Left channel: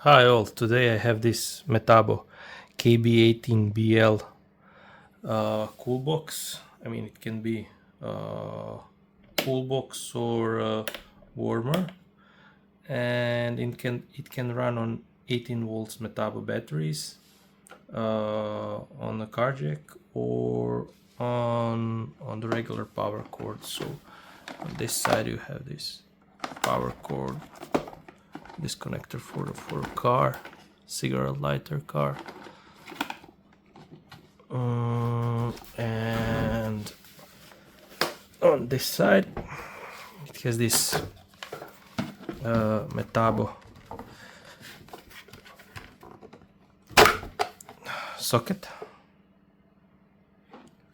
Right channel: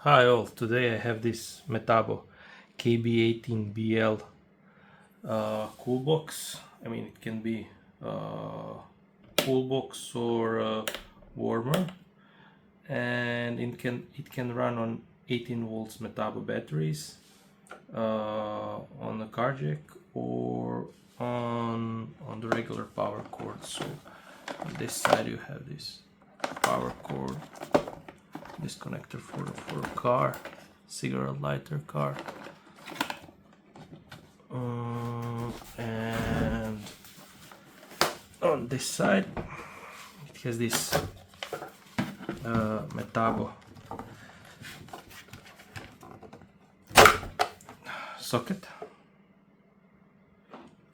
Hi all, today I have this Metabo KB 18BL cool box. I mean, it can be cool box or warmer, and it can run on 18 volts Metabo batteries on a car jack or on the regular power cord. So on this side you have this power cord, this connector for a car, cigarette lighter car, and on this side it has this Metabo socket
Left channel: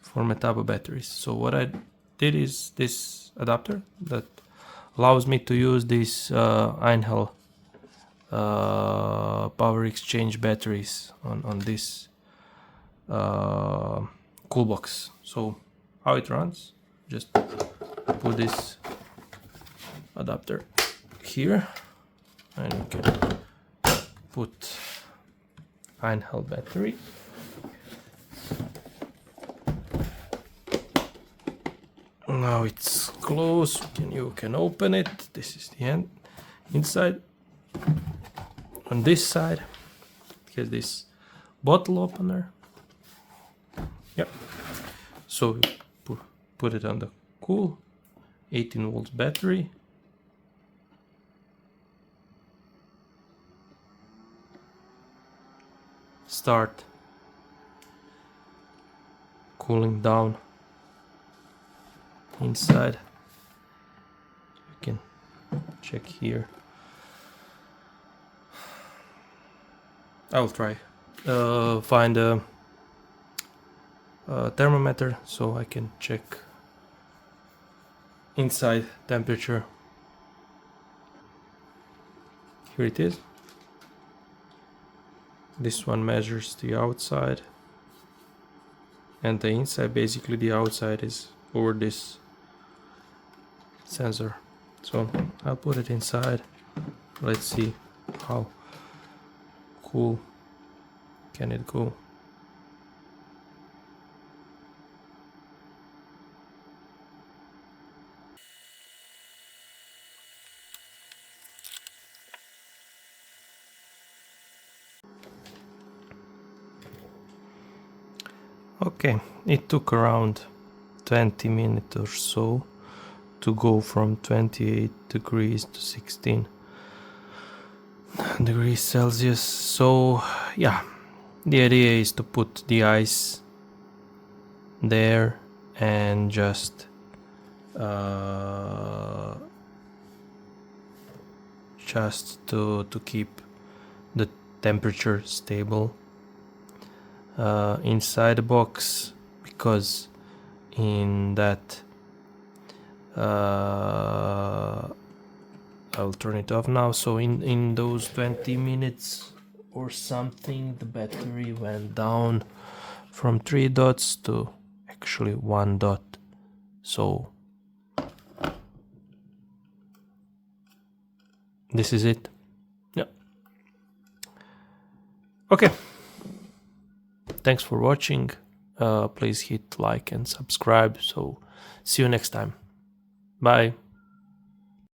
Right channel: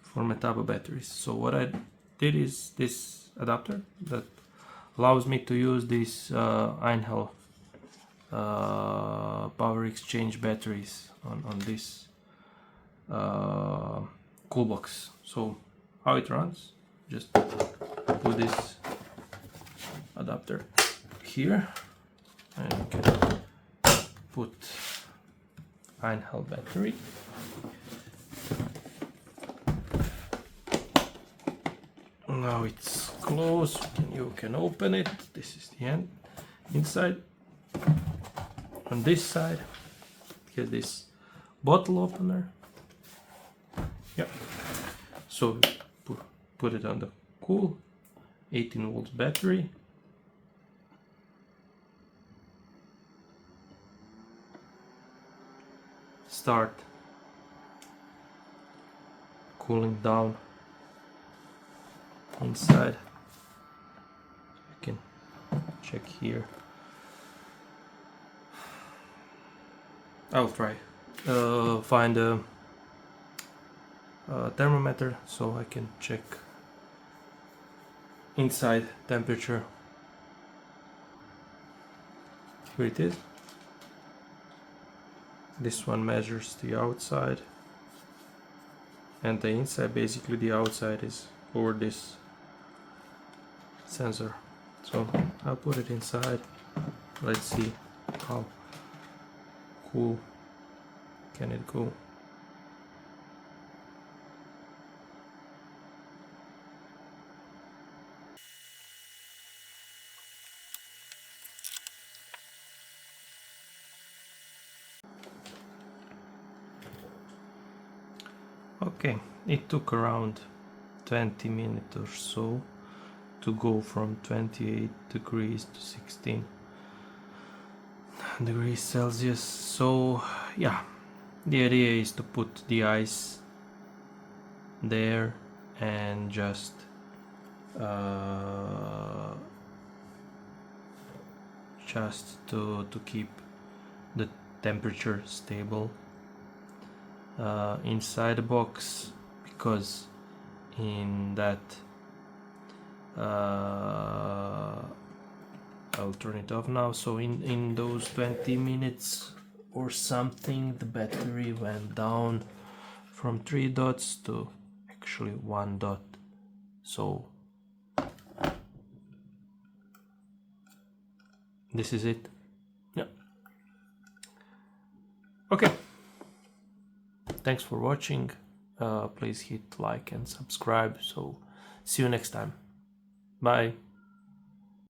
for Metabo batteries. So what I did is this adapter that allows me to use these Einhell Power X-Change batteries on this cool box. So how it runs, just put this adapter here and you can put Einhell battery. Now it's closed, you can open it. This is the end. Inside, on this side, it has this bottle opener. Yep. So put it on the cool 18 volts battery. Start cooling down inside. You can check here. I'll try find a thermometer so I can check inside temperature. Here it is. This one measures the outside and the inside. Basically the outside is over this sensor. So I'll put it inside. Let's see how cool can it go. Okay, it took around 20 minutes or so to go from 28 degrees to 16 degrees Celsius. So yeah, the idea is to put the ice there and just to keep the temperature stable inside the box, because in that I'll turn it off now. So in those 20 minutes or something, the battery went down from 3 dots to actually 1 dot. So this is it. Yeah. Okay. Thanks for watching. Please hit like and subscribe. So see you next time. Bye.